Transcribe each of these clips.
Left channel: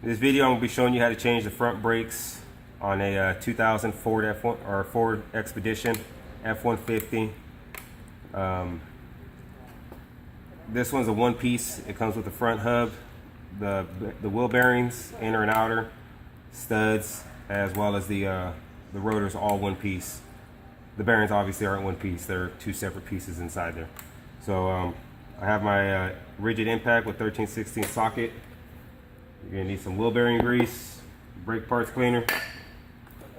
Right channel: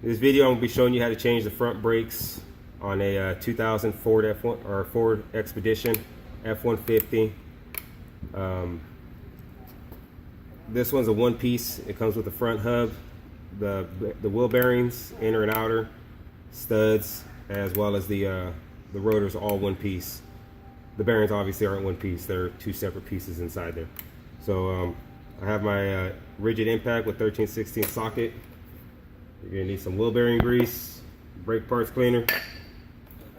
In this video, I'm going to be showing you how to change the front brakes on a 2000 Ford F1 or Ford Expedition F-150. This one's a one-piece. It comes with the front hub, the wheel bearings, inner and outer, studs, as well as the rotors, all one piece. The bearings obviously aren't one piece; they're two separate pieces inside there. So I have my rigid impact with 13/16 socket. You're gonna need some wheel bearing grease, brake parts cleaner.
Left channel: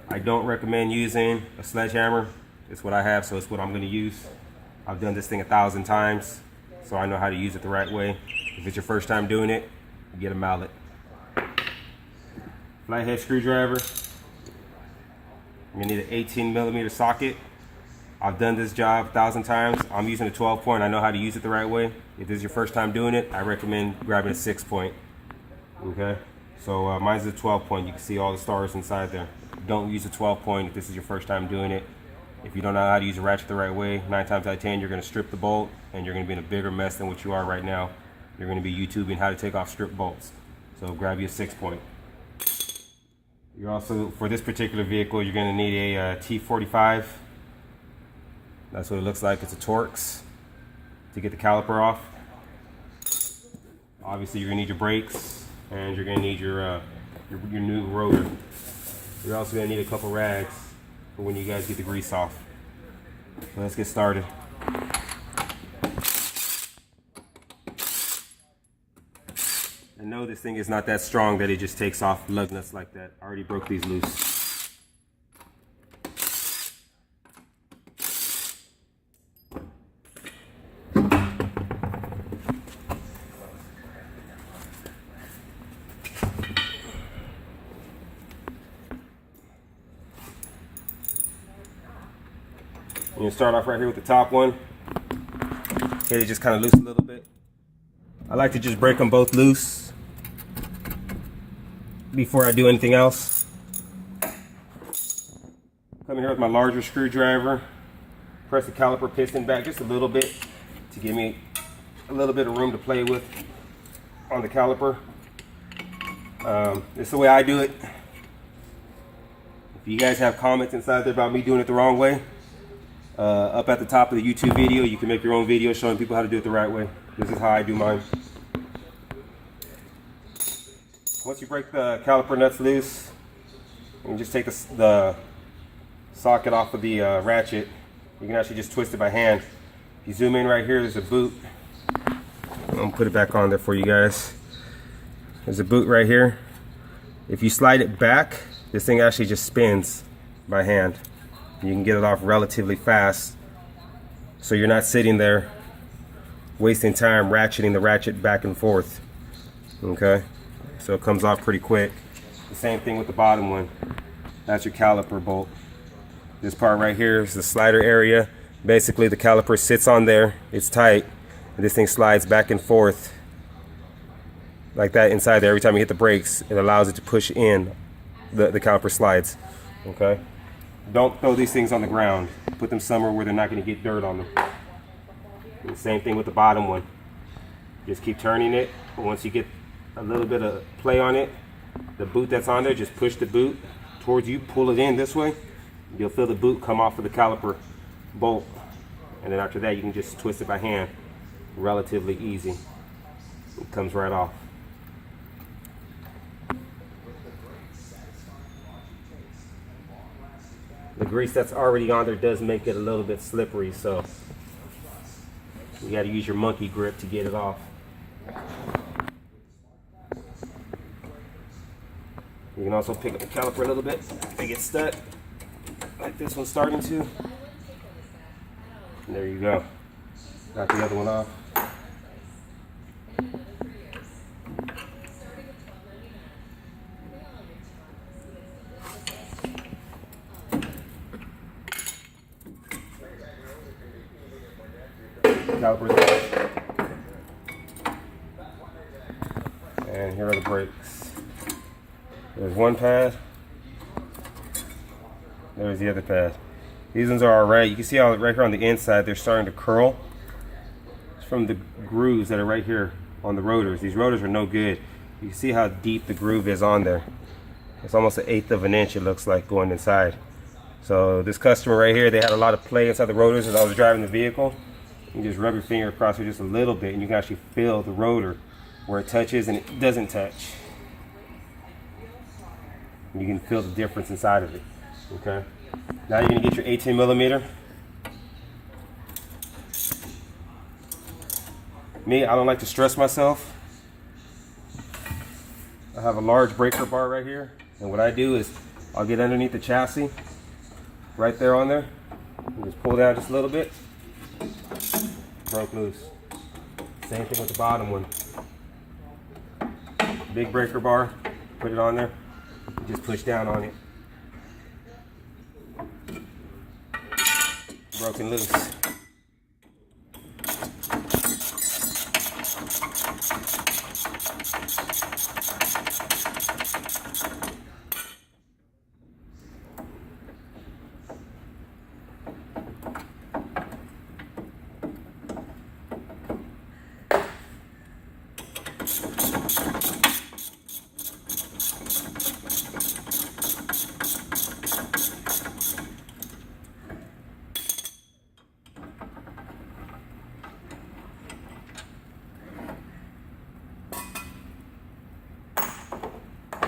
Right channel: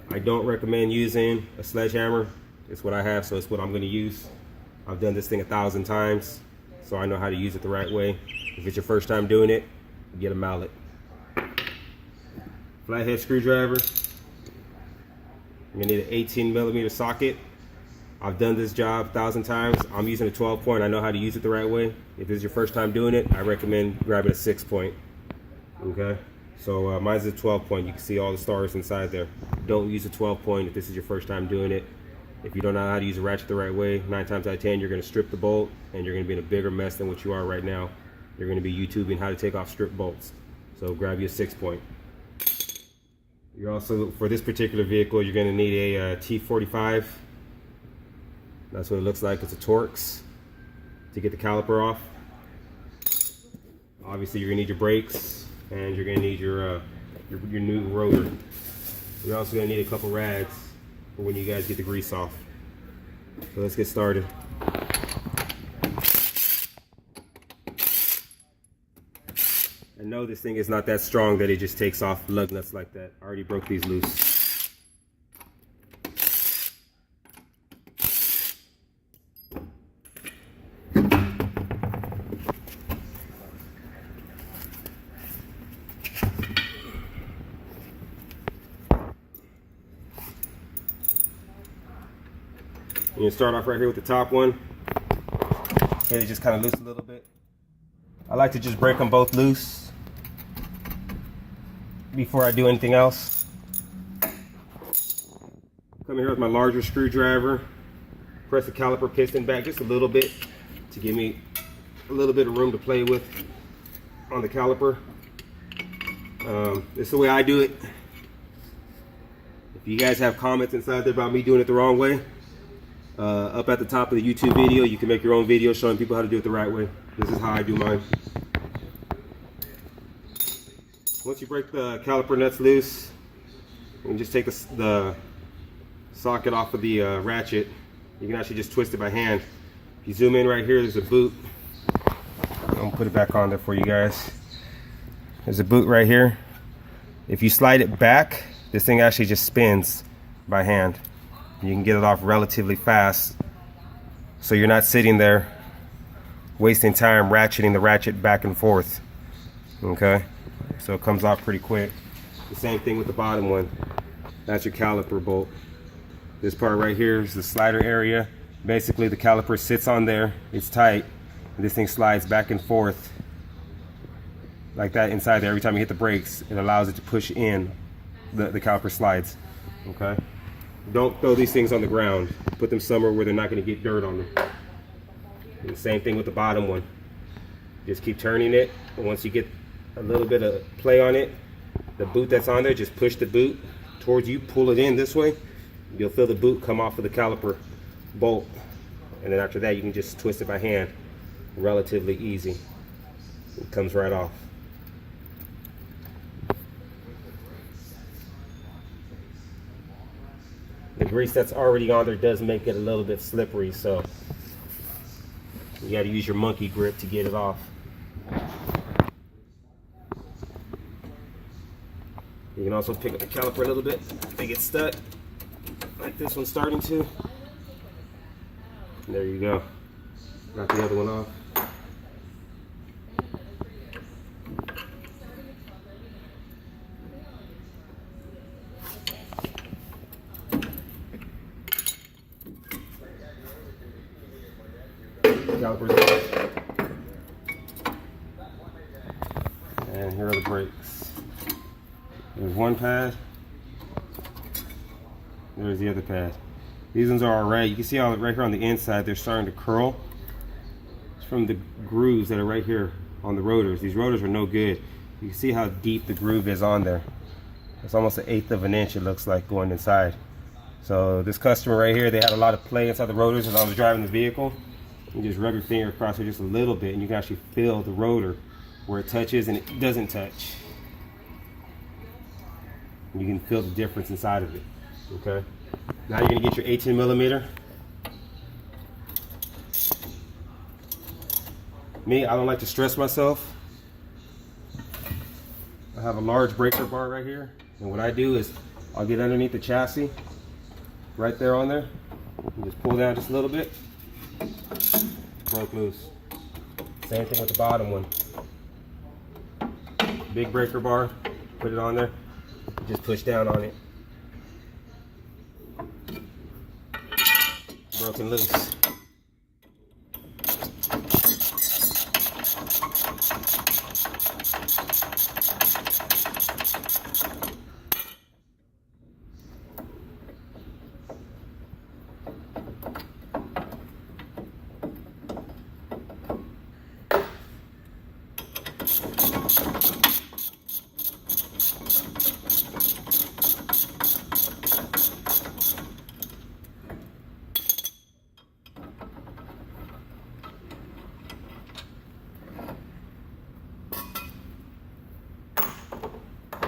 I don't recommend using a sledgehammer. It's what I have, so it's what I'm gonna use. I've done this thing 1,000 times, so I know how to use it the right way. If it's your first time doing it, get a mallet. Flathead screwdriver. You're gonna need an 18mm socket. I've done this job 1,000 times. I'm using a 12-point. I know how to use it the right way. If this is your first time doing it, I recommend grabbing a 6-point. Okay, so mine's a 12-point. You can see all the stars inside there. Don't use a 12-point if this is your first time doing it. If you don't know how to use a ratchet the right way, 9 times out of 10 you're going to strip the bolt, and you're going to be in a bigger mess than what you are right now. You're going to be YouTubing how to take off strip bolts. So grab you a 6-point. You're also, for this particular vehicle, you're going to need a T45. That's what it looks like. It's a Torx to get the caliper off. Obviously, you're going to need your brakes, and you're going to need your new rotor. You're also going to need a couple rags for when you guys get the grease off. So let's get started. And no, this thing is not that strong that it just takes off lug nuts like that. I already broke these loose. You start off right here with the top one. Get it just kind of loose a little bit. I like to just break them both loose before I do anything else. Come here with my larger screwdriver. Press the caliper piston back just a little bit to give me a little bit of room to play with on the caliper. This is the way I do it. If you guys have comments inside there about me doing it the wrong way, up at the top of the YouTube video, you can make your own video showing people how to do it the right way. This is how I do mine. Once you break the caliper nuts loose, you can just take the socket off of the ratchet. You can actually just twist it by hand. You zoom in right here, there's a boot. I'm gonna put it back on there for you guys. There's a boot right here. If you slide it back, this thing actually just spins by hand. You can get it off relatively fast, so you're not sitting there wasting time ratcheting the ratchet back and forth. Okay, so it comes off pretty quick. The same thing with the bottom one. That's your caliper bolt. This part right here is the slider area. Basically the caliper sits on there, it's tight, and this thing slides back and forth like that inside there. Every time you hit the brakes, it allows it to push in. The caliper slides. Okay, don't throw these things on the ground. Put them somewhere where they're not going to get dirt on them. And the same thing with the bottom one. Just keep turning it. Once you get a little bit of play on it, the boot that's on there, just push the boot towards you, pull it in this way. You'll feel the boot come off of the caliper bolt. And then after that, you can just twist it by hand. Relatively easy. It comes right off. The grease that's already on there does make it a little bit slippery, so you got to use your monkey grip to get it off. You can also pick up the caliper a little bit if it gets stuck, like this one's starting to. And there you go. Got the other one off. Calipers off. And here are the brakes. There's one pad. There's the other pad. These ones are alright. You can see how right here on the inside they're starting to curl. It's from the grooves that are right here on the rotors. These rotors are no good. You can see how deep the groove is on there. It's almost 1/8 of an inch, it looks like, going inside. So this customer right here, they had a lot of play inside the rotors as I was driving the vehicle. You just rub your finger across it just a little bit and you can actually feel the rotor where it touches and it doesn't touch. You can feel the difference inside of it. Okay. Now you're gonna get your 18 millimeter. Me, I don't like to stress myself. I have a large breaker bar right here, and what I do is I'll get underneath the chassis, right there on there, and just pull down just a little bit. Broke loose. Same thing with the bottom one. Big breaker bar, put it on there, just push down on it. Broken loose.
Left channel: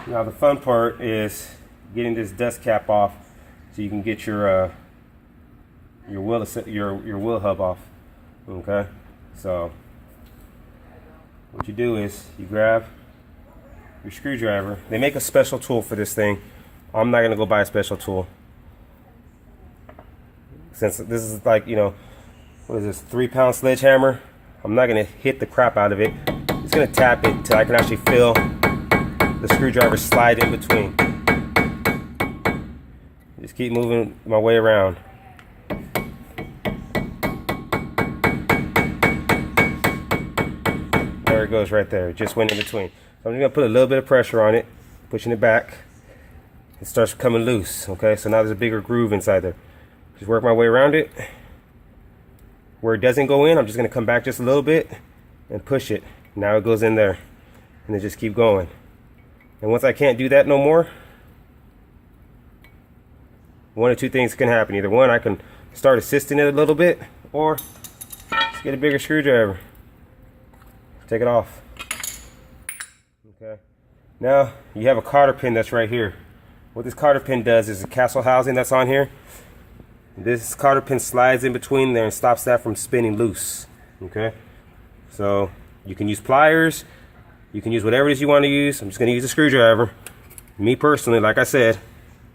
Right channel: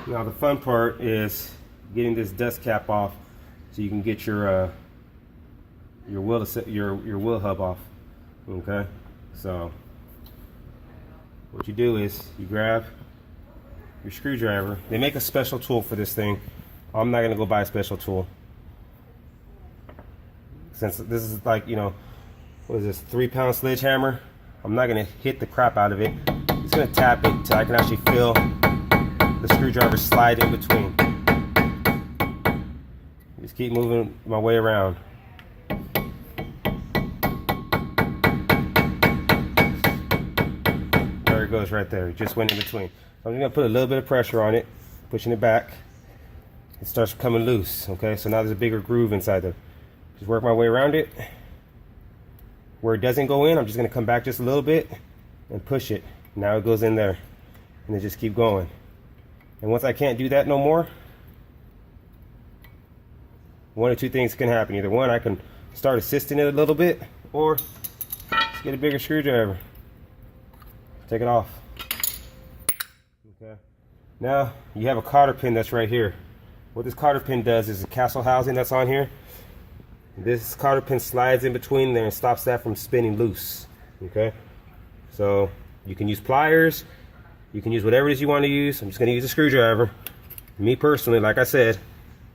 Now the fun part is getting this dust cap off so you can get your wheel hub off. Okay, so what you do is you grab your screwdriver. They make a special tool for this thing. I'm not gonna go buy a special tool since this is like, you know, what is this, 3-pound sledgehammer. I'm not gonna hit the crap out of it. I'm just gonna tap it till I can actually feel the screwdriver slide in between. Just keep moving my way around. There it goes right there. It just went in between. So I'm just gonna put a little bit of pressure on it, pushing it back. It starts coming loose. Okay, so now there's a bigger groove inside there. Just work my way around it. Where it doesn't go in, I'm just gonna come back just a little bit and push it. Now it goes in there, and then just keep going. And once I can't do that no more, one of two things can happen. Either one, I can start assisting it a little bit, or just get a bigger screwdriver. Take it off. Okay. Now you have a cotter pin that's right here. What this cotter pin does is the castle housing that's on here. This cotter pin slides in between there and stops that from spinning loose. Okay. So you can use pliers. You can use whatever it is you want to use. I'm just going to use a screwdriver. Me personally, like I said,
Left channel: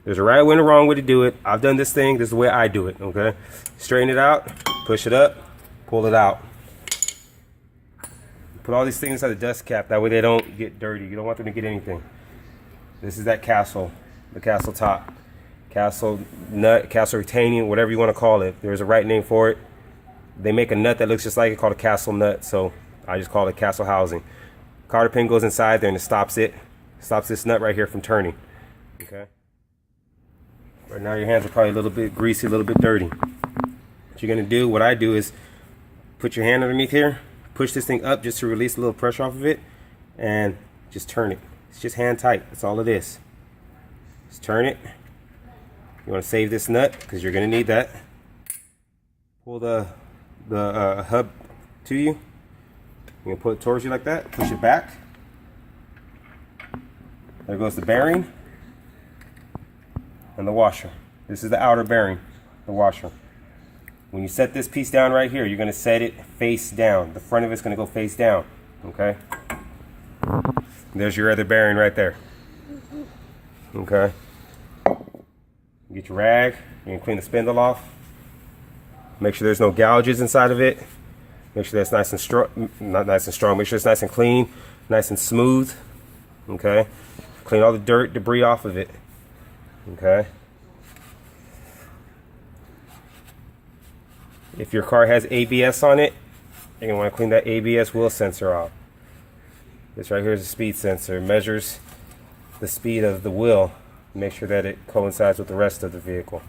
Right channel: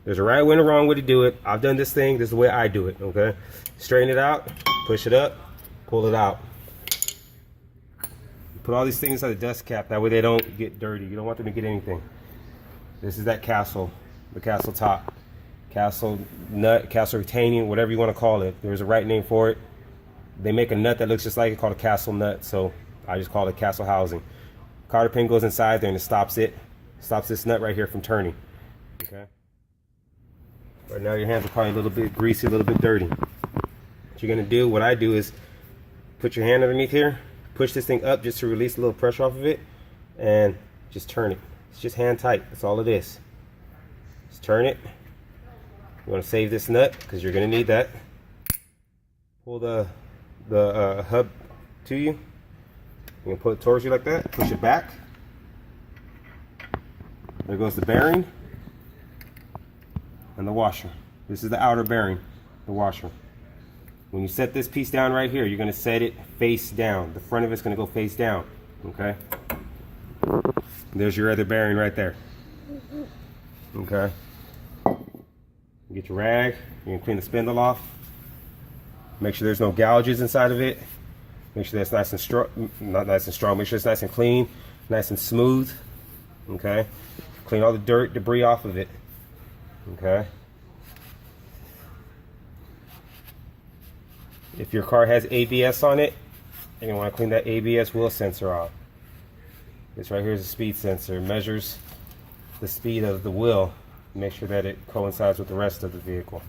there's a right way and a wrong way to do it. I've done this thing. This is the way I do it, okay? Straighten it out, push it up, pull it out. Put all these things inside the dust cap. That way they don't get dirty. You don't want them to get anything. This is that castle, the castle top. Castle nut, castle retaining, whatever you want to call it. There's a right name for it. They make a nut that looks just like it called a castle nut, so I just call it castle housing. Cotter pin goes inside there and it stops it. Stops this nut right here from turning. Okay. Right now your hands are probably a little bit greasy, a little bit dirty. What you're gonna do, what I do is put your hand underneath here, push this thing up just to release a little pressure off of it, and just turn it. It's just hand tight. That's all it is. Just turn it. You want to save this nut because you're gonna need that. Pull the hub to you. You're gonna pull it towards you like that, push it back. There goes the bearing and the washer. This is the outer bearing, the washer. When you set this piece down right here, you're gonna set it face down. The front of it's gonna go face down, okay? There's your other bearing right there, okay? Get your rag, you can clean the spindle off. Make sure there's no gouges inside of it. Make sure that's nice and strong, not nice and strong, make sure it's nice and clean, nice and smooth, okay? Clean all the dirt, debris off of it, okay? If your car has ABS on it, you're gonna wanna clean that ABS wheel sensor off. This right here is a speed sensor. It measures the speed of the wheel. Make sure that it coincides with the rest of the vehicle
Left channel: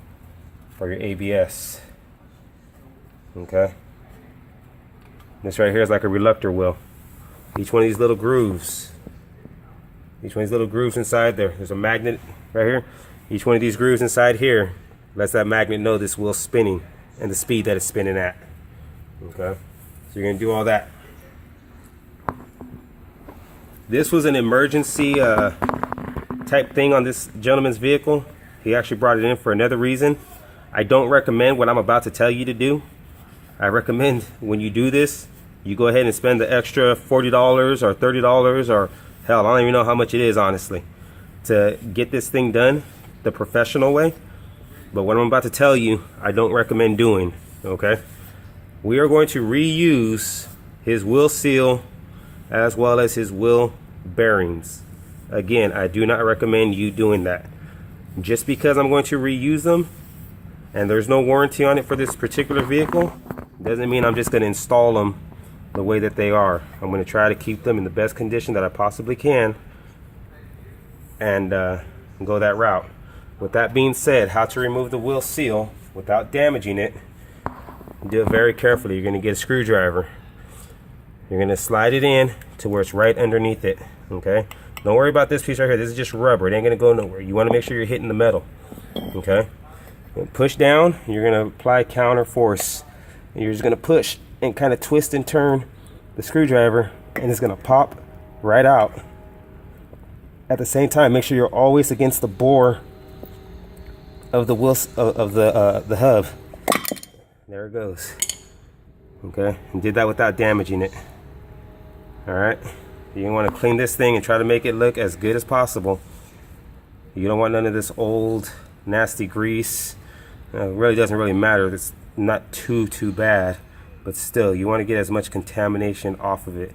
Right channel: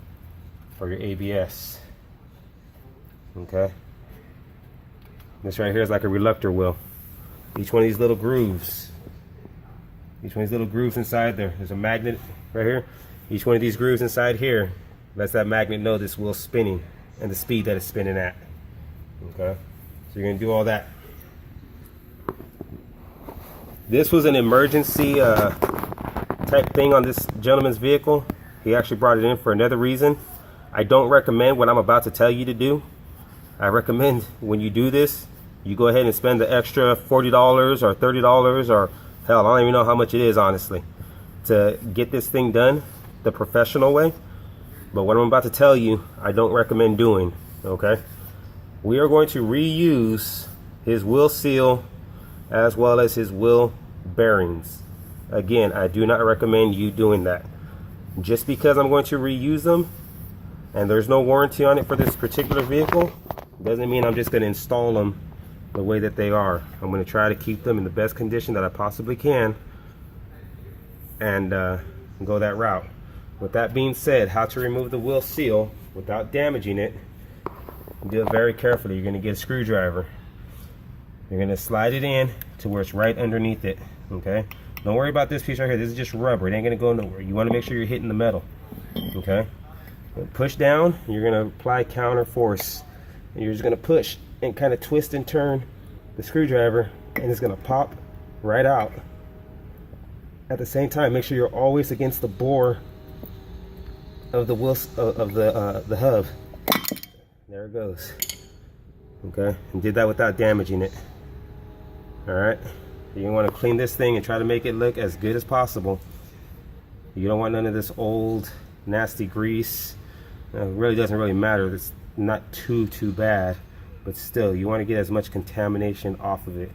for your ABS, okay? This right here is like a reluctor wheel. Each one of these little grooves Each one of these little grooves inside there. There's a magnet right here. Each one of these grooves inside here lets that magnet know this wheel's spinning and the speed that it's spinning at. Okay, so you're gonna do all that. This was an emergency type thing on this gentleman's vehicle. He actually brought it in for another reason. I don't recommend what I'm about to tell you to do. I recommend when you do this, you go ahead and spend the extra $40 or $30 or hell, I don't even know how much it is, honestly, to get this thing done the professional way. But what I'm about to tell you, I don't recommend doing, okay? We are going to reuse his wheel seal as well as his wheel bearings. Again, I do not recommend you doing that. Just because I'm going to reuse them and there's no warranty on it for this particular vehicle doesn't mean I'm just going to install them the way that they are. I'm going to try to keep them in the best condition that I possibly can and go that route. With that being said, how to remove the wheel seal without damaging it, do it very carefully. You're going to get a screwdriver. You're going to slide it in to where it's right underneath it, okay? Don't worry about this piece right here. This is just rubber. It ain't going to go nowhere. You want to make sure you're hitting the metal, okay? Push down. You're going to apply counter force. And you're just going to push and kind of twist and turn the screwdriver, and it's going to pop right out. At the same time, make sure you're always against the bore of the wheel of the hub. There it goes. Okay, and did that without damaging it. All right, you want to clean this thing and try to make it look as good as possible. You don't want none of this old nasty grease. It really doesn't really matter. It's not too bad, but still, you want to get as much contamination off of it.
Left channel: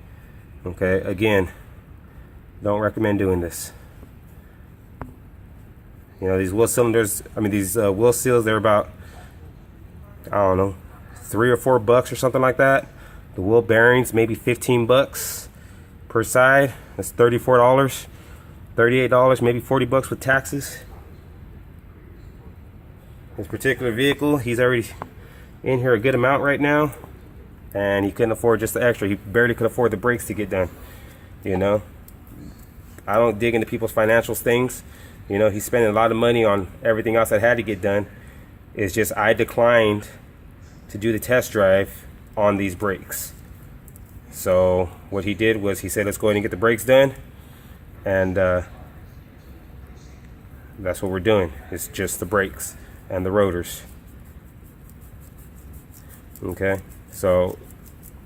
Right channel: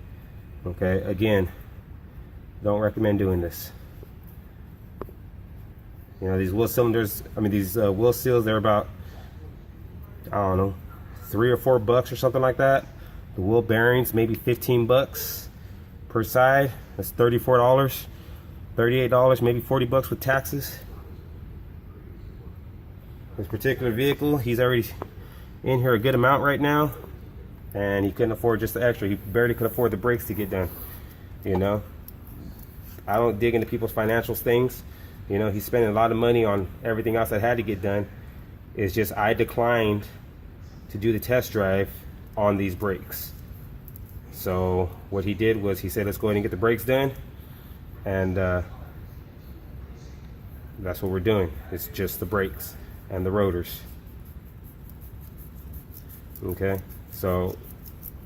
Okay, again, don't recommend doing this. You know, these wheel cylinders, I mean, these wheel seals, they're about, I don't know, $3 or $4 or something like that. The wheel bearings, maybe 15 bucks per side. That's $34, $38, maybe 40 bucks with taxes. This particular vehicle, he's already in here a good amount right now, and he couldn't afford just the extra. He barely could afford the brakes to get done. You know, I don't dig into people's financial things. You know, he's spending a lot of money on everything else that had to get done. It's just I declined to do the test drive on these brakes. So what he did was he said, let's go ahead and get the brakes done, and that's what we're doing. It's just the brakes and the rotors. Okay, so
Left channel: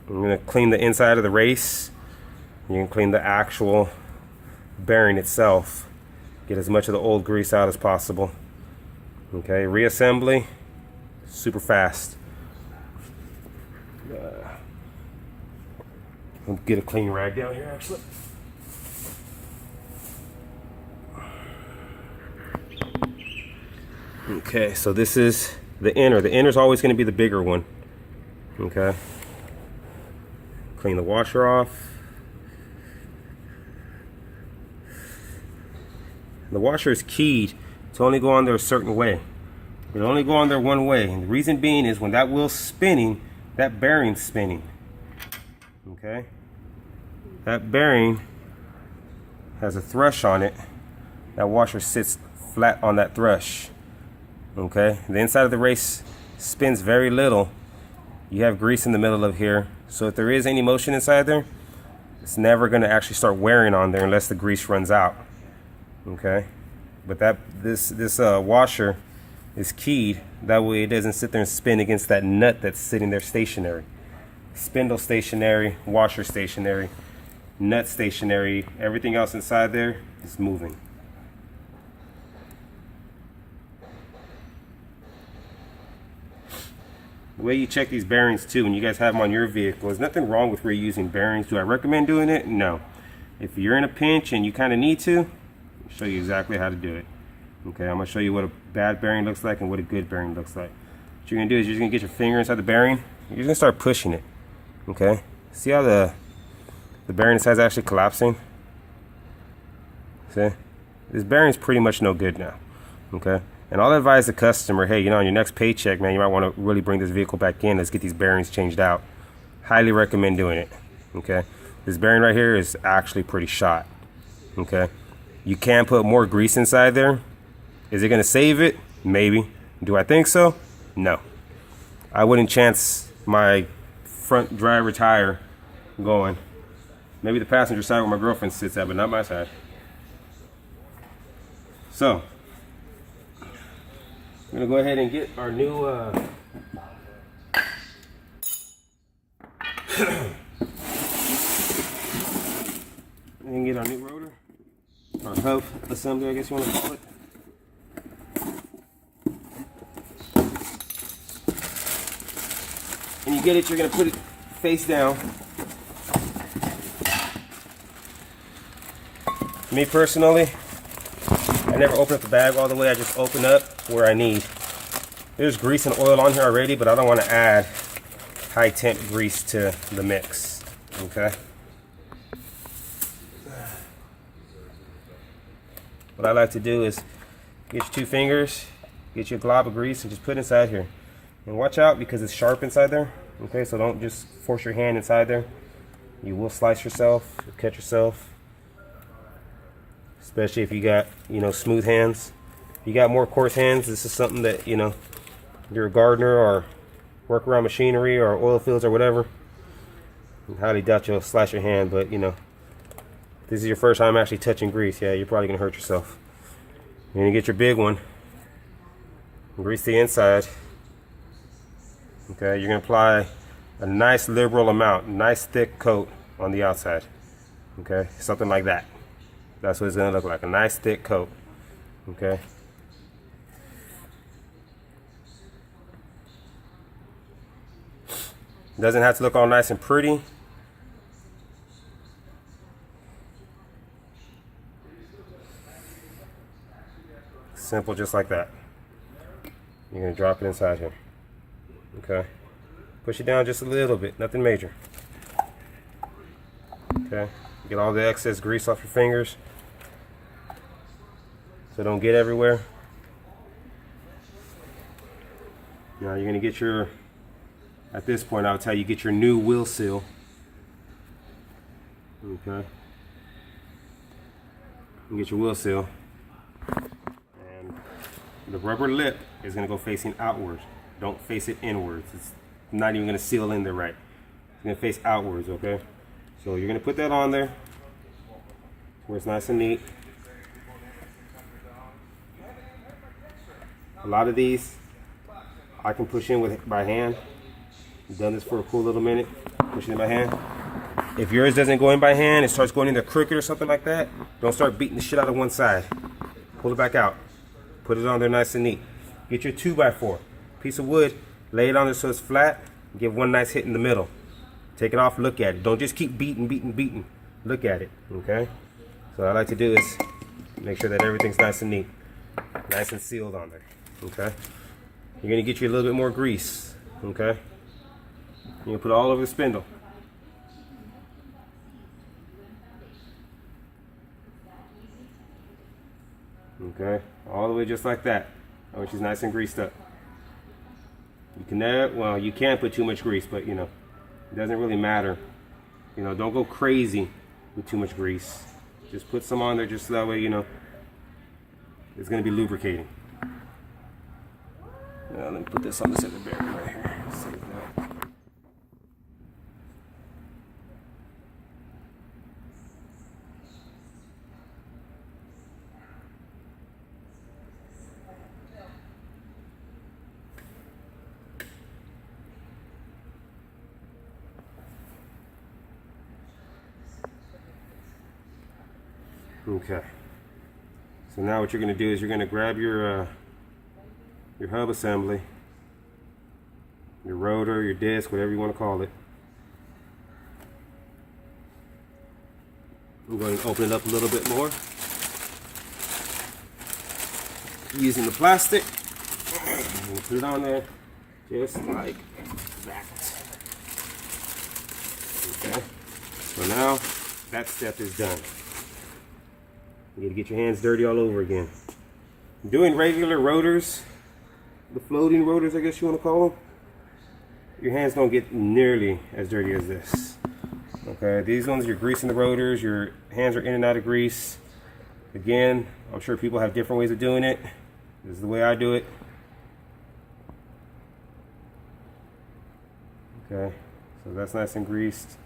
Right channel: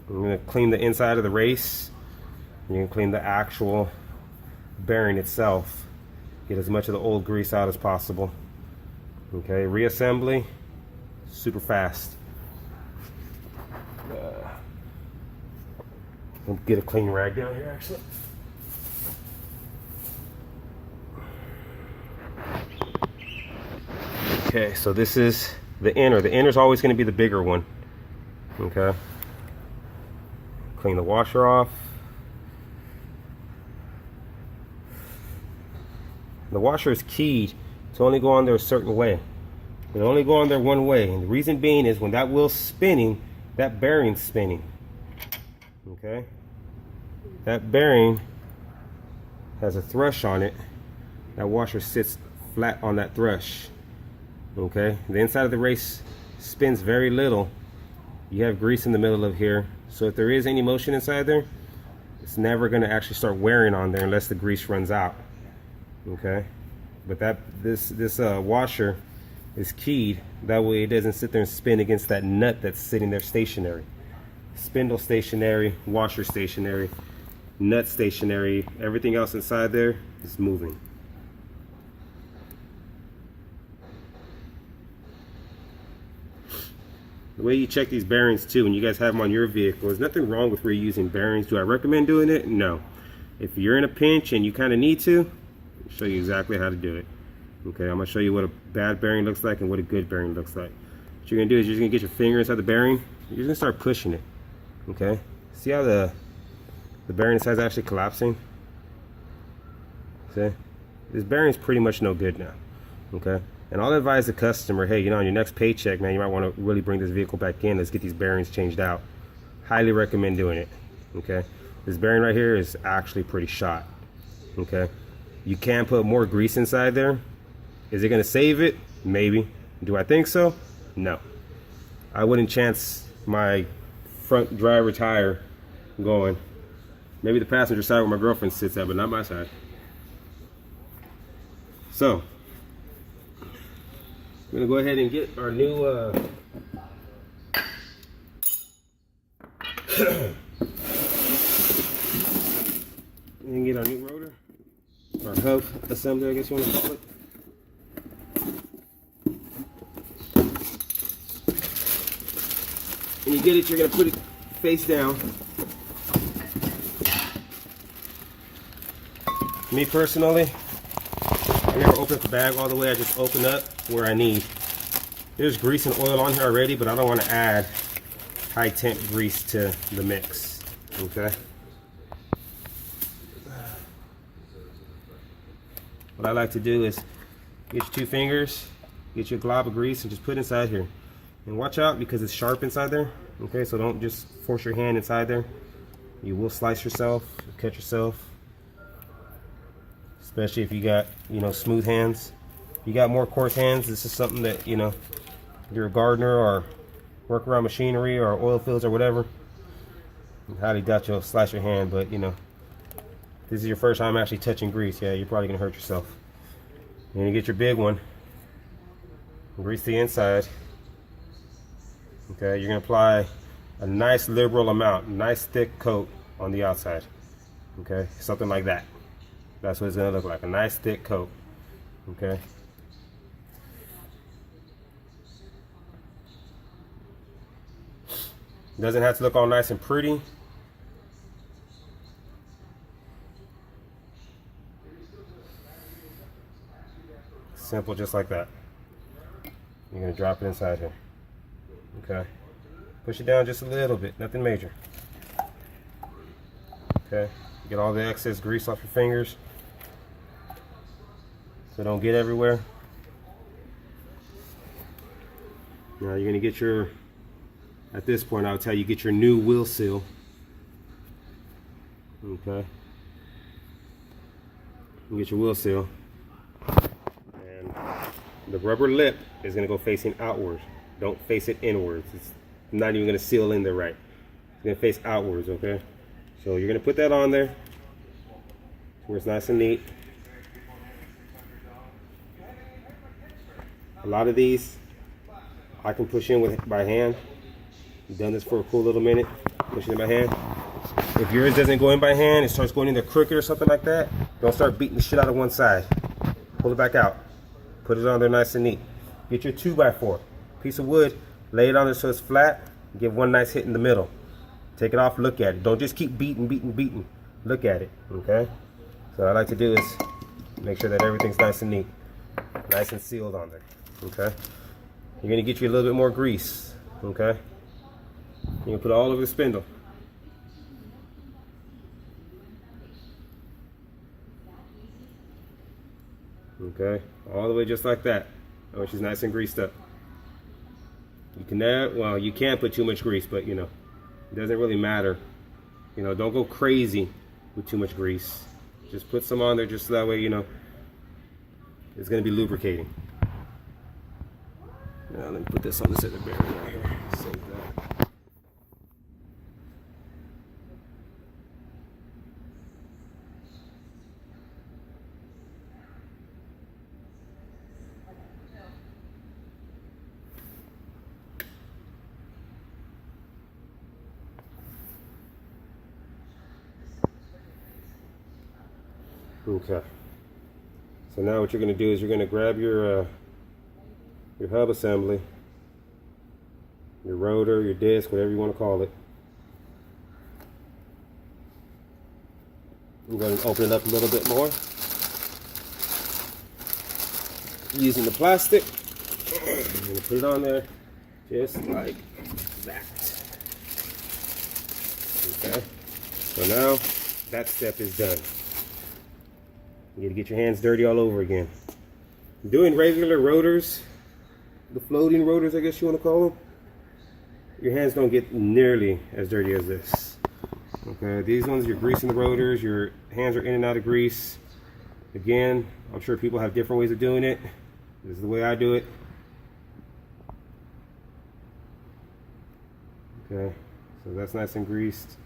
I'm going to clean the inside of the race. You can clean the actual bearing itself. Get as much of the old grease out as possible. Okay, reassembly, super fast. Get a clean rag down here, actually. Okay, so this is the inner. The inner is always going to be the bigger one. Okay. Clean the washer off. The washer is keyed to only go on there a certain way. It'll only go on there one way, and the reason being is when that wheel's spinning, that bearing's spinning. Okay? That bearing has a thrush on it. That washer sits flat on that thrush. Okay? The inside of the race spins very little. You have grease in the middle of here, so if there is any motion inside there, it's never going to actually start wearing on there unless the grease runs out. Okay? But this washer is keyed. That way it doesn't sit there and spin against that nut that's sitting there stationary. Spindle stationary, washer stationary, nut stationary, everything else inside there is moving. The way you check these bearings too, when you guys have them on your vehicle, there's nothing wrong with reusing bearings. Do I recommend doing it? No. If you're in a pinch and you kind of need to, I'll show you exactly how to do it. Okay, I'm going to show you what a bad bearing looks like and what a good bearing looks like. What you're going to do is you're just going to get your finger inside the bearing. You're going to start pushing it. Okay, see how the bearing inside is actually collapsing? See? This bearing is pretty much no good now. Okay, and I'll advise the customer, hey, you know, on your next paycheck, man, you might want to really bring this vehicle back in. Let's get these bearings changed out. Highly recommend doing it. Okay, this bearing right here is actually pretty shot. Okay, You can put more grease inside there. Is it gonna save it? Maybe. Do I think so? No. I wouldn't chance my front driver tire going. Maybe the passenger side where my girlfriend sits at, but not my side. So, we're gonna go ahead and get our new and get our new rotor, our hub assembly, I guess you want to call it. When you get it, you're gonna put it face down. Me personally, I never open up the bag all the way. I just open up where I need. There's grease and oil on here already, but I don't want to add high temp grease to the mix. Okay. What I like to do is get your 2 fingers, get your glob of grease, and just put it inside here. And watch out because it's sharp inside there. Okay, so don't just force your hand inside there. You will slice yourself, cut yourself. Especially if you got, you know, smooth hands. If you got more coarse hands, this is something that, you know, you're a gardener or work around machinery or oil fields or whatever. I highly doubt you'll slice your hand, but you know, if this is your first time actually touching grease, yeah, you're probably gonna hurt yourself. You're gonna get your big one, grease the inside. Okay, you're gonna apply a nice liberal amount, nice thick coat on the outside. Okay, something like that. That's what it's gonna look like, a nice thick coat. Okay. Doesn't have to look all nice and pretty. Simple, just like that. You're gonna drop it inside here. Okay. Push it down just a little bit, nothing major. Okay. Get all the excess grease off your fingers so don't get everywhere. Now you're gonna get your, at this point I'll tell you, get your new wheel seal. Okay. You get your wheel seal. And the rubber lip is gonna go facing outwards. Don't face it inwards. It's not even gonna seal in there right. It's gonna face outwards, okay? So you're gonna put that on there where it's nice and neat. A lot of these I can push in by hand. I've done this for a cool little minute, pushing it by hand. If yours doesn't go in by hand, it starts going in the crooked or something like that, don't start beating the shit out of one side. Pull it back out. Put it on there nice and neat. Get your 2x4 piece of wood, lay it on there so it's flat, give one nice hit in the middle. Take it off, look at it. Don't just keep beating. Look at it, okay? So what I like to do is make sure that everything's nice and neat, nice and sealed on there, okay? You're gonna get you a little bit more grease, okay? You put it all over the spindle. Okay, all the way just like that. I want she's nice and greased up. You can never, well, you can't put too much grease, but you know, it doesn't really matter. You know, don't go crazy with too much grease. Just put some on there just so that way, you know, it's gonna be lubricating. Now let me put this on the side of the bearing right here. Save that. Okay, so now what you're going to do is you're going to grab your hub assembly, your rotor, your disc, whatever you want to call it. I'm going to open it up a little bit more using the plastic. I'm going to put it on there just like that. Okay, so now that step is done. You got to get your hands dirty all over again. Doing regular rotors, the floating rotors, I guess you want to call them, your hands don't get nearly as dirty as this. Okay, these ones you're greasing the rotors, your hands are in and out of grease. Again, I'm sure people have different ways of doing it. This is the way I do it. Okay, so that's nice and greased.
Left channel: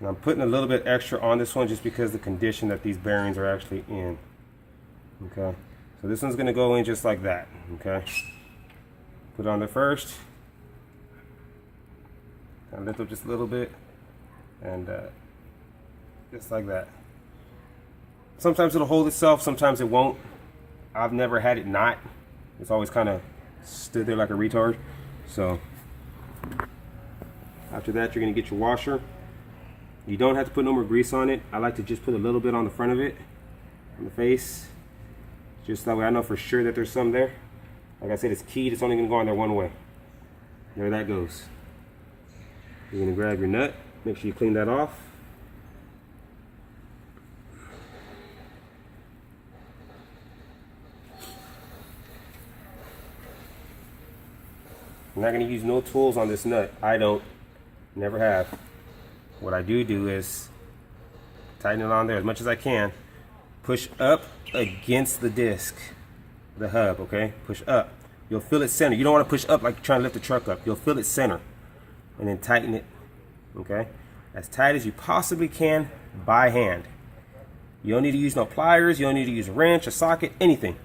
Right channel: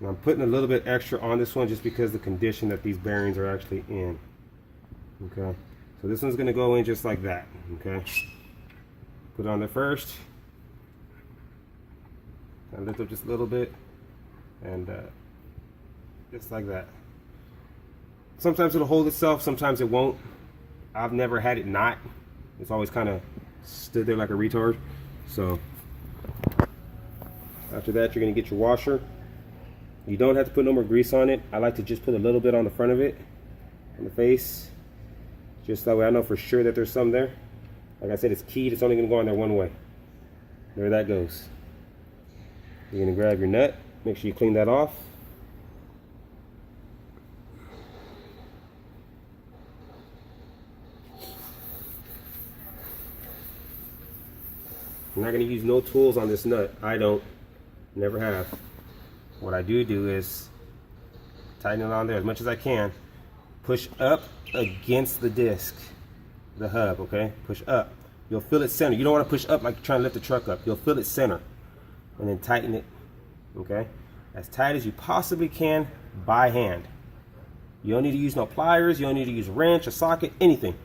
And I'm putting a little bit extra on this one just because of the condition that these bearings are actually in. Okay, so this one's going to go in just like that. Okay, put it on there first. Kind of lift up just a little bit, and just like that. Sometimes it'll hold itself, sometimes it won't. I've never had it not. It's always kind of stood there like a retard. So after that, you're going to get your washer. You don't have to put no more grease on it. I like to just put a little bit on the front of it, on the face, just that way I know for sure that there's some there. Like I said, it's keyed. It's only going to go on there one way. There that goes. You're going to grab your nut. Make sure you clean that off. I'm not going to use no tools on this nut. I don't. Never have. What I do is tighten it on there as much as I can. Push up against the disc, the hub, okay? Push up. You'll feel it center. You don't want to push up like you're trying to lift the truck up. You'll feel it center. And then tighten it, okay? As tight as you possibly can by hand. You don't need to use no pliers. You don't need to use a wrench, a socket, anything.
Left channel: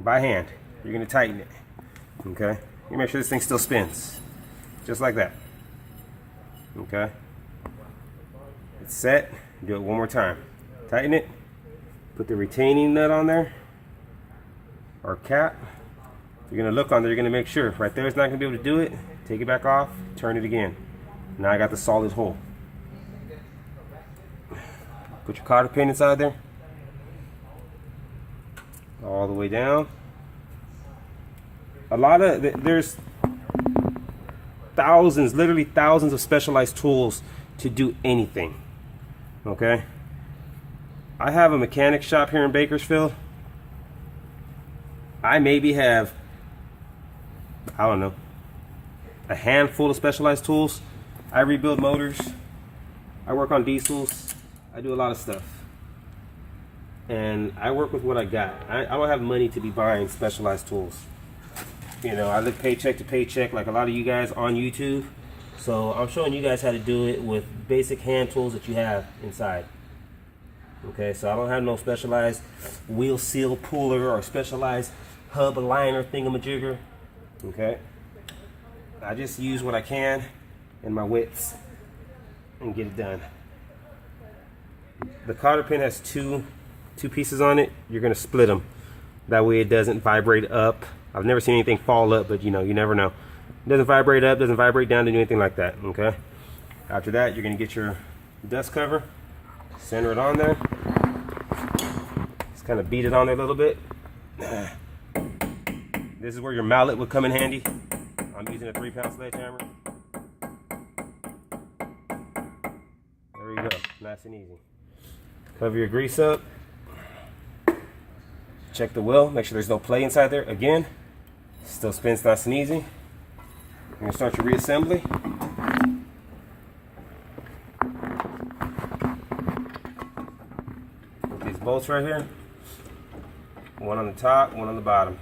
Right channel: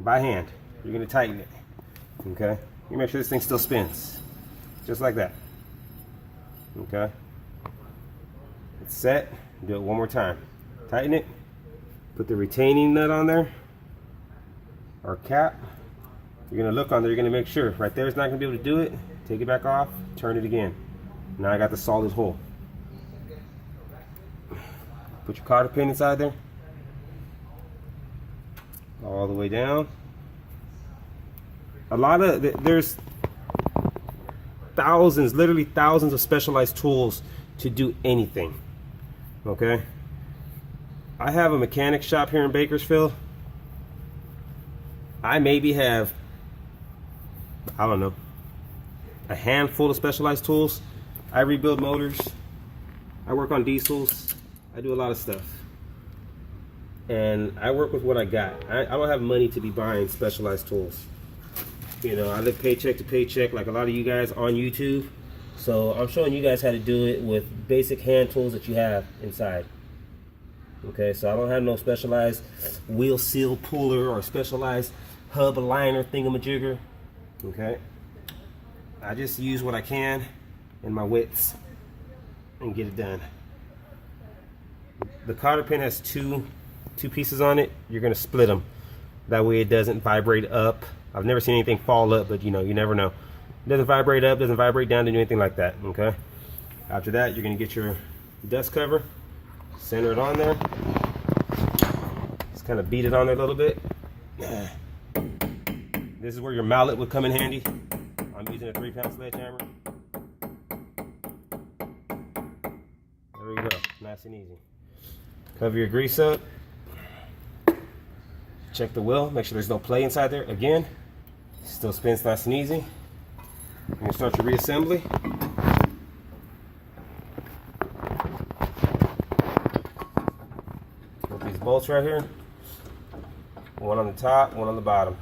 By hand. You're going to tighten it, okay? You make sure this thing still spins, just like that. Okay. It's set. Do it one more time. Tighten it. Put the retaining nut on there, or cap. You're gonna look on there. You're gonna make sure right there it's not gonna be able to do it. Take it back off. Turn it again. Now I got the solid hole. Put your cotter pin inside there, all the way down. There's thousands, literally thousands of specialized tools to do anything. Okay, I have a mechanic shop here in Bakersfield. I maybe have, I don't know, a handful of specialized tools. I rebuild motors. I work on diesels. I do a lot of stuff. And I work with what I got. I don't have money to be buying specialized tools. You know, I live paycheck to paycheck like a lot of you guys on YouTube. So I'm showing you guys how to do it with basic hand tools that you have inside. Okay, so I don't have no specialized wheel seal puller or specialized hub aligner thingamajigger. Okay, I just use what I can in my wits and get it done. The cotter pin has two pieces on it. You're gonna split them. That way it doesn't vibrate up. I've never seen anything fall up, but you know, you never know. It doesn't vibrate up, doesn't vibrate down, doesn't do anything like that, okay? After that, you're gonna get your dust cover, center it on there. Just kind of beat it on there a little bit. This is where your mallet would come in handy. I'm using a 3-pound sledgehammer. There we go, nice and easy. Cover your grease up. Check the wheel, make sure there's no play inside there. Again, still spins nice and easy. You're gonna start your reassembly. Put these bolts right here. One on the top, one on the bottom.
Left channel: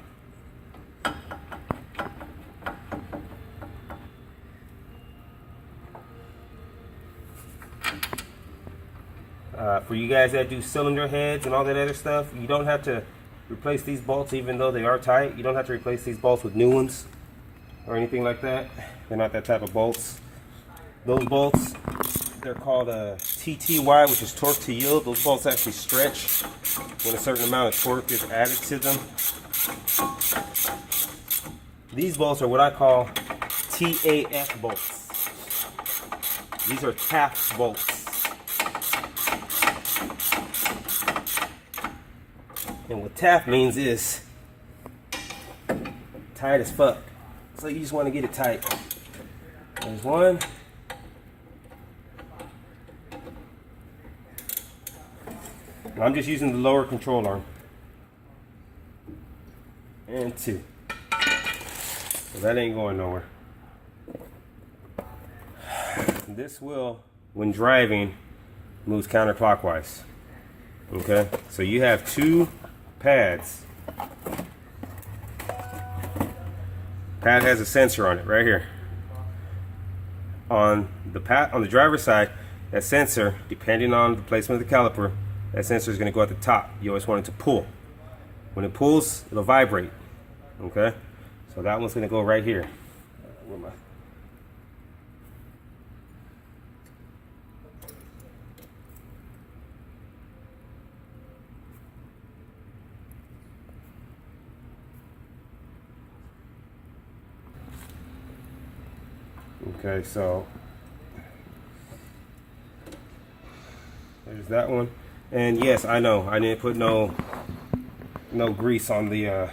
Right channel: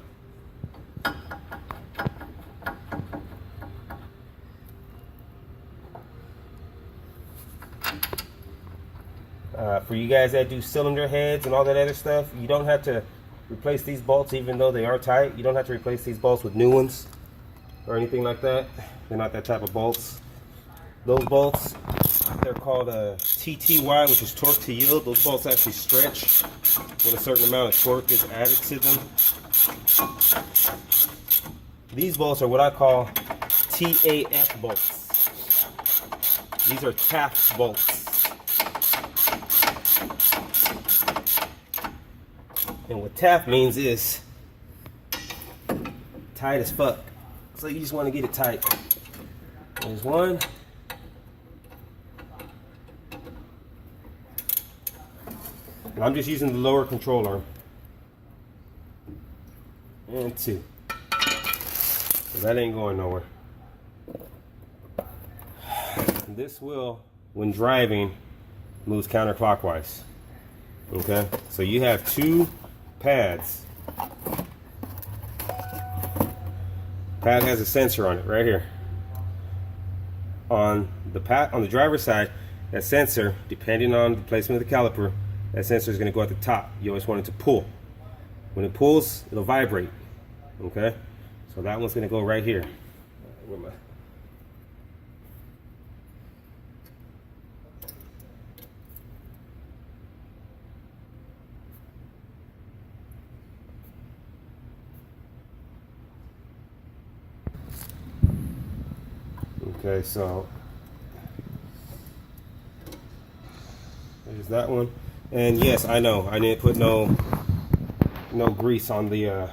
For you guys that do cylinder heads and all that other stuff, you don't have to replace these bolts even though they are tight. You don't have to replace these bolts with new ones or anything like that. They're not that type of bolts. Those bolts, they're called TTY, which is torque to yield. Those bolts actually stretch when a certain amount of torque is added to them. These bolts are what I call TAF bolts. These are Taft bolts. And what Taft means is tight as fuck. So you just want to get it tight. There's one. And I'm just using the lower control arm. And two. So that ain't going nowhere. This wheel, when driving, moves counterclockwise. Okay, so you have two pads. Pad has a sensor on it right here. On the driver's side, that sensor, depending on the placement of the caliper, that sensor is going to go at the top. You always want it to pull. When it pulls, it'll vibrate. Okay, so that one's going to go right here. Where am I? Okay, so there's that one. And yes, I know I didn't put no grease on the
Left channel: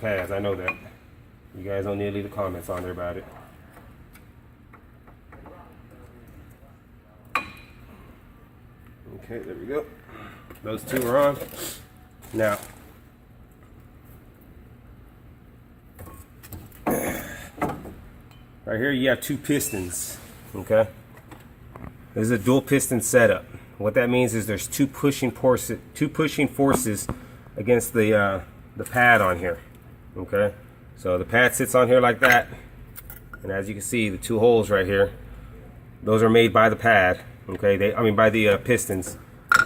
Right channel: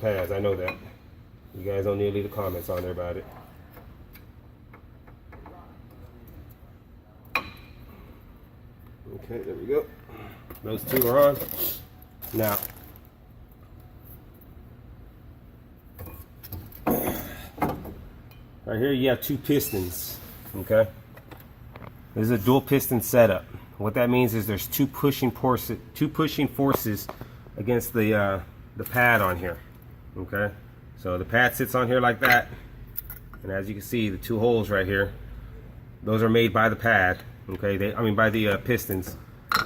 pads. I know that. You guys don't need to leave the comments on there about it. Okay, there we go. Those two are on. Now, right here you have two pistons, okay? This is a dual piston setup. What that means is there's two pushing forces against the pad on here, okay? So the pad sits on here like that, and as you can see, the two holes right here, those are made by the pad, okay? By the pistons.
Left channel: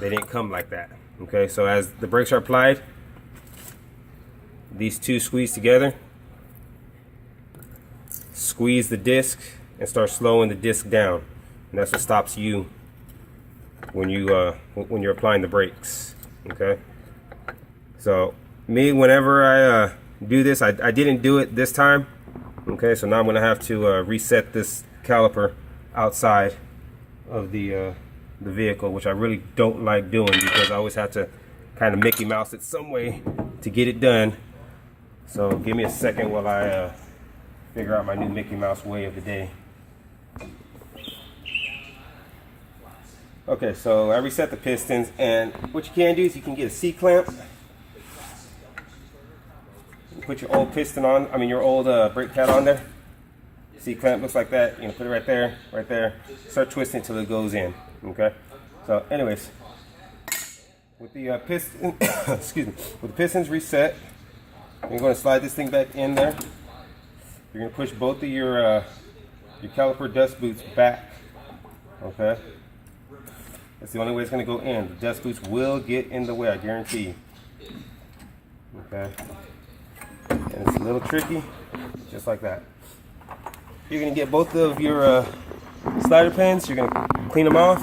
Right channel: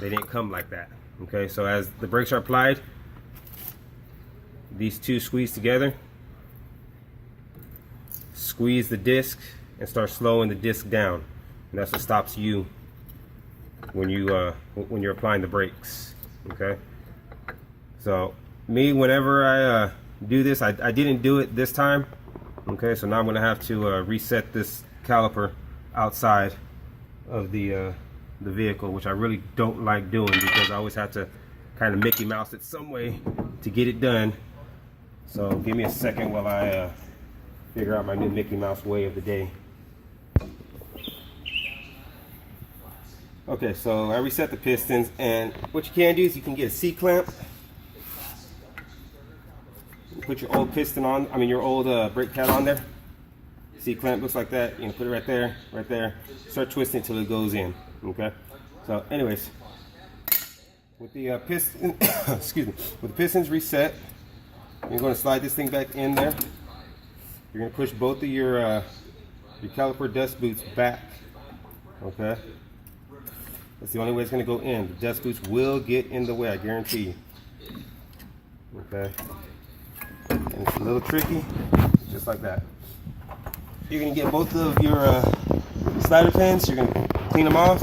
They didn't come like that, okay? So as the brakes are applied, these two squeeze together. Squeeze the disc and start slowing the disc down, and that's what stops you when you're applying the brakes. Okay, so me, whenever I do this, I didn't do it this time. Okay, so now I'm gonna have to reset this caliper outside of the vehicle, which I really don't like doing because I always have to kind of Mickey Mouse it some way to get it done. So give me a second while I figure out my new Mickey Mouse way of the day. Okay, so I reset the pistons, and what you can do is you can get a C-clamp. Put your old piston on, your old brake pad on there. C-clamp looks like that. You know, put it right there, right there. Start twisting until it goes in. Okay. So, anyways, with the piston, excuse me, with the pistons reset, you're going to slide this thing back in there. You're going to push both of your caliper dust boots back. Okay. That's the only way it's going to go in. The dust boots will get in the way, I guarantee you. Okay. And it's a little tricky, just like that. You're going to get both of your slider pins. You're going to clean them off.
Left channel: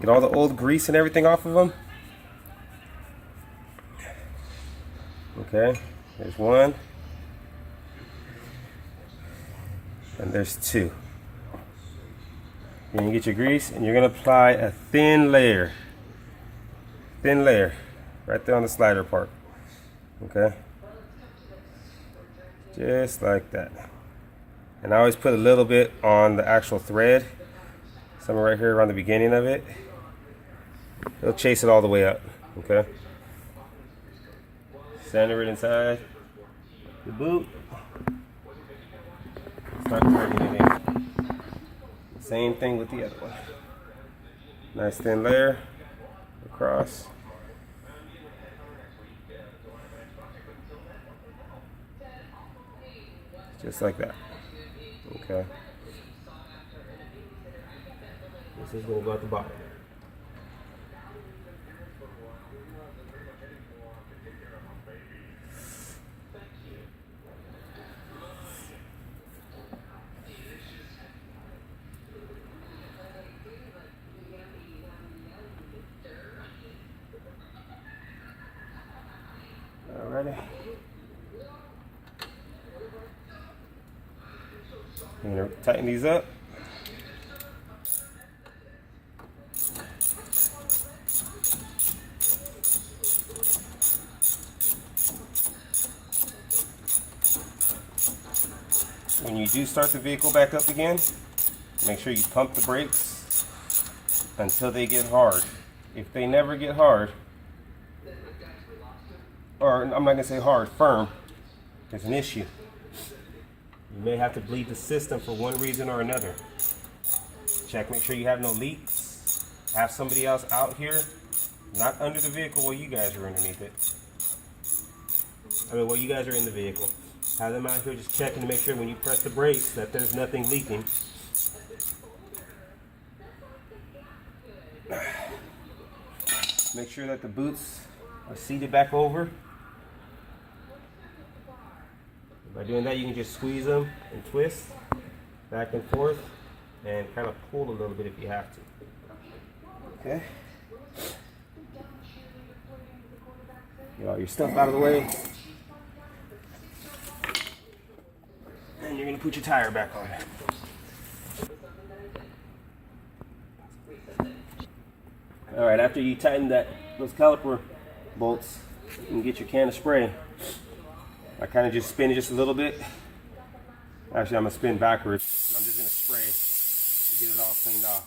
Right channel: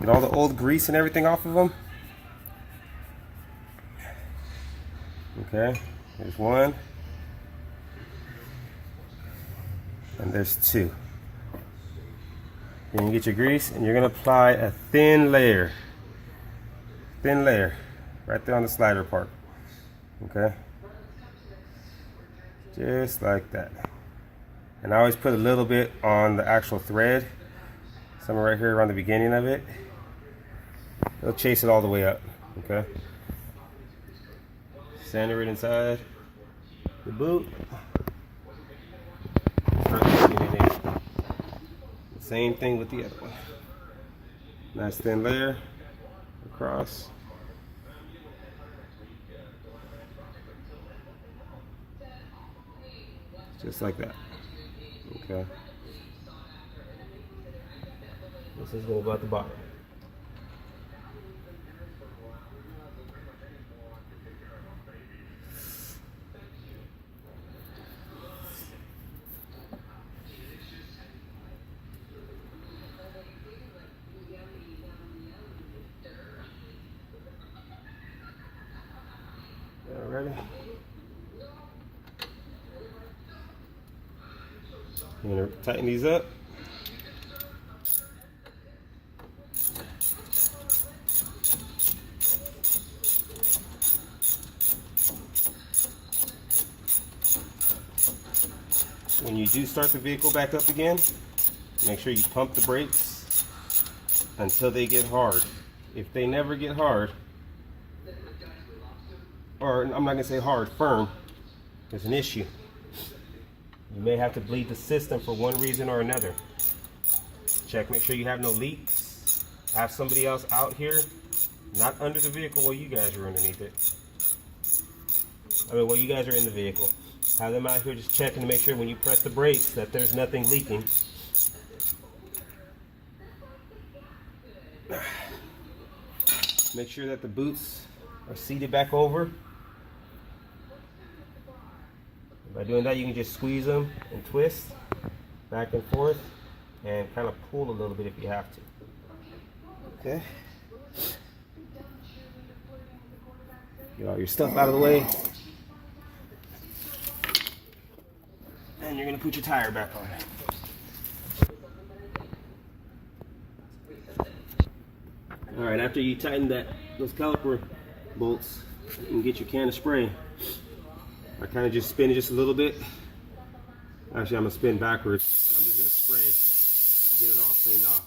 Get all the old grease and everything off of them. Okay. There's one. And there's two. Then you get your grease, and you're going to apply a thin layer right there on the slider part. Okay, just like that. And I always put a little bit on the actual thread, somewhere right here around the beginning of it. It'll chase it all the way up. Okay, center it inside the boot. Start getting it in. Same thing with the other one. Nice thin layer across. Just like that. Okay. This is going to go at the bottom. Alrighty. I'm going to tighten these up. When you do start the vehicle back up again, make sure you pump the brakes until they get hard. If they never get hard, or I'm not going to say hard, firm, there's an issue. You may have to bleed the system for one reason or another. check. Make sure you have no leaks. Have somebody else out here, not under the vehicle while you guys are underneath it. I mean, while you guys are in the vehicle. Have them out here just checking to make sure when you press the brakes that there's nothing leaking. Make sure that the boots are seated back over. By doing that, you can just squeeze them and twist back and forth and kind of pull a little bit if you have to. Okay. Get all your stuff out of the way. And you're going to put your tire back on. All right, after you tighten those caliper bolts, you can get your can of spray. I kind of just spin it just a little bit. Actually, I'm going to spin backwards. I'm just going to spray to get it all cleaned off.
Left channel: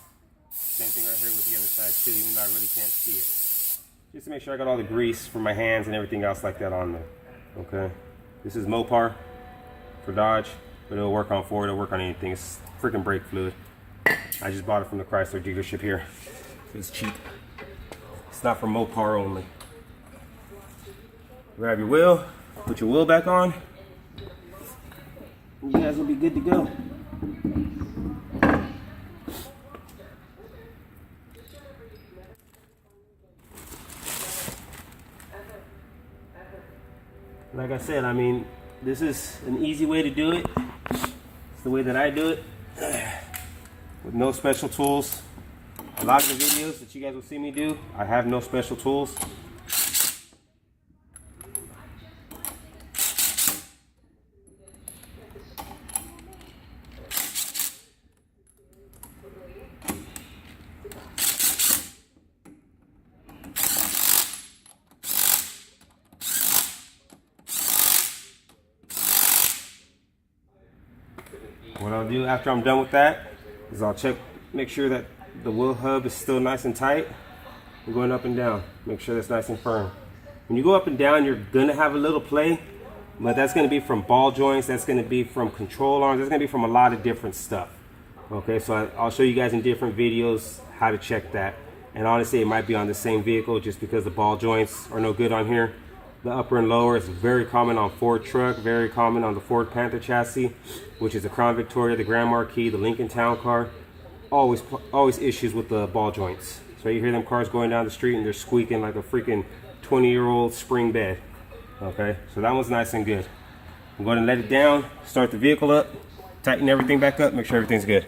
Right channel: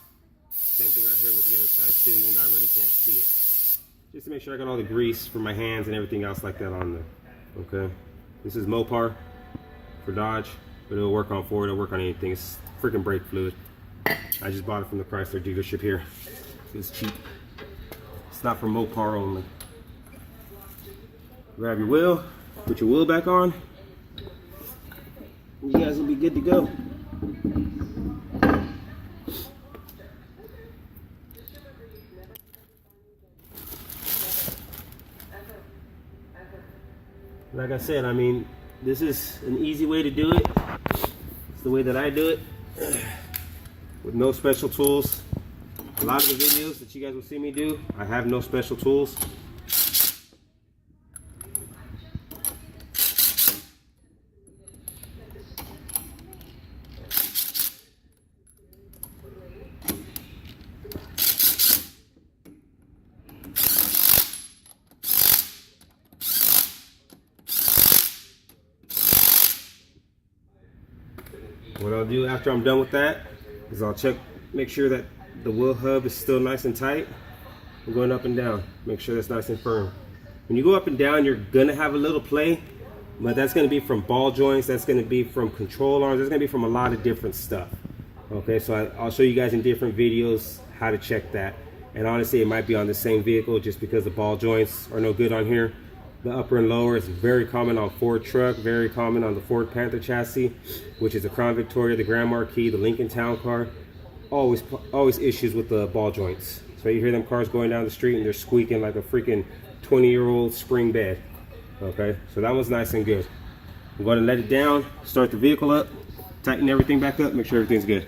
Same thing right here with the other side too, even though I really can't see it. Just to make sure I got all the grease for my hands and everything else like that on there. Okay. This is Mopar for Dodge, but it'll work on Ford, it'll work on anything. It's freaking brake fluid. I just bought it from the Chrysler dealership here. It's cheap. It's not for Mopar only. Grab your wheel, put your wheel back on. You guys will be good to go. Like I said, I mean, this is an easy way to do it. It's the way that I do it, with no special tools. A lot of the videos that you guys will see me do, I have no special tools. What I'll do after I'm done with that is I'll check, make sure that the wheel hub is still nice and tight. I'm going up and down, make sure it's nice and firm. When you go up and down, you're gonna have a little play, but that's gonna be from ball joints, that's gonna be from control arms, that's gonna be from a lot of different stuff. Okay, so I'll show you guys in different videos how to check that. And honestly, it might be on the same vehicle just because the ball joints are no good on here. The upper and lower is very common on Ford truck, very common on the Ford Panther chassis, which is the Crown Victoria, the Grand Marquis, the Lincoln Town Car. Always issues with the ball joints. So you hear them cars going down the street and they're squeaking like a freaking 20-year-old spring bed. Okay, so that one's nice and good. I'm going to let it down, start the vehicle up, tighten everything back up, make sure everything's good.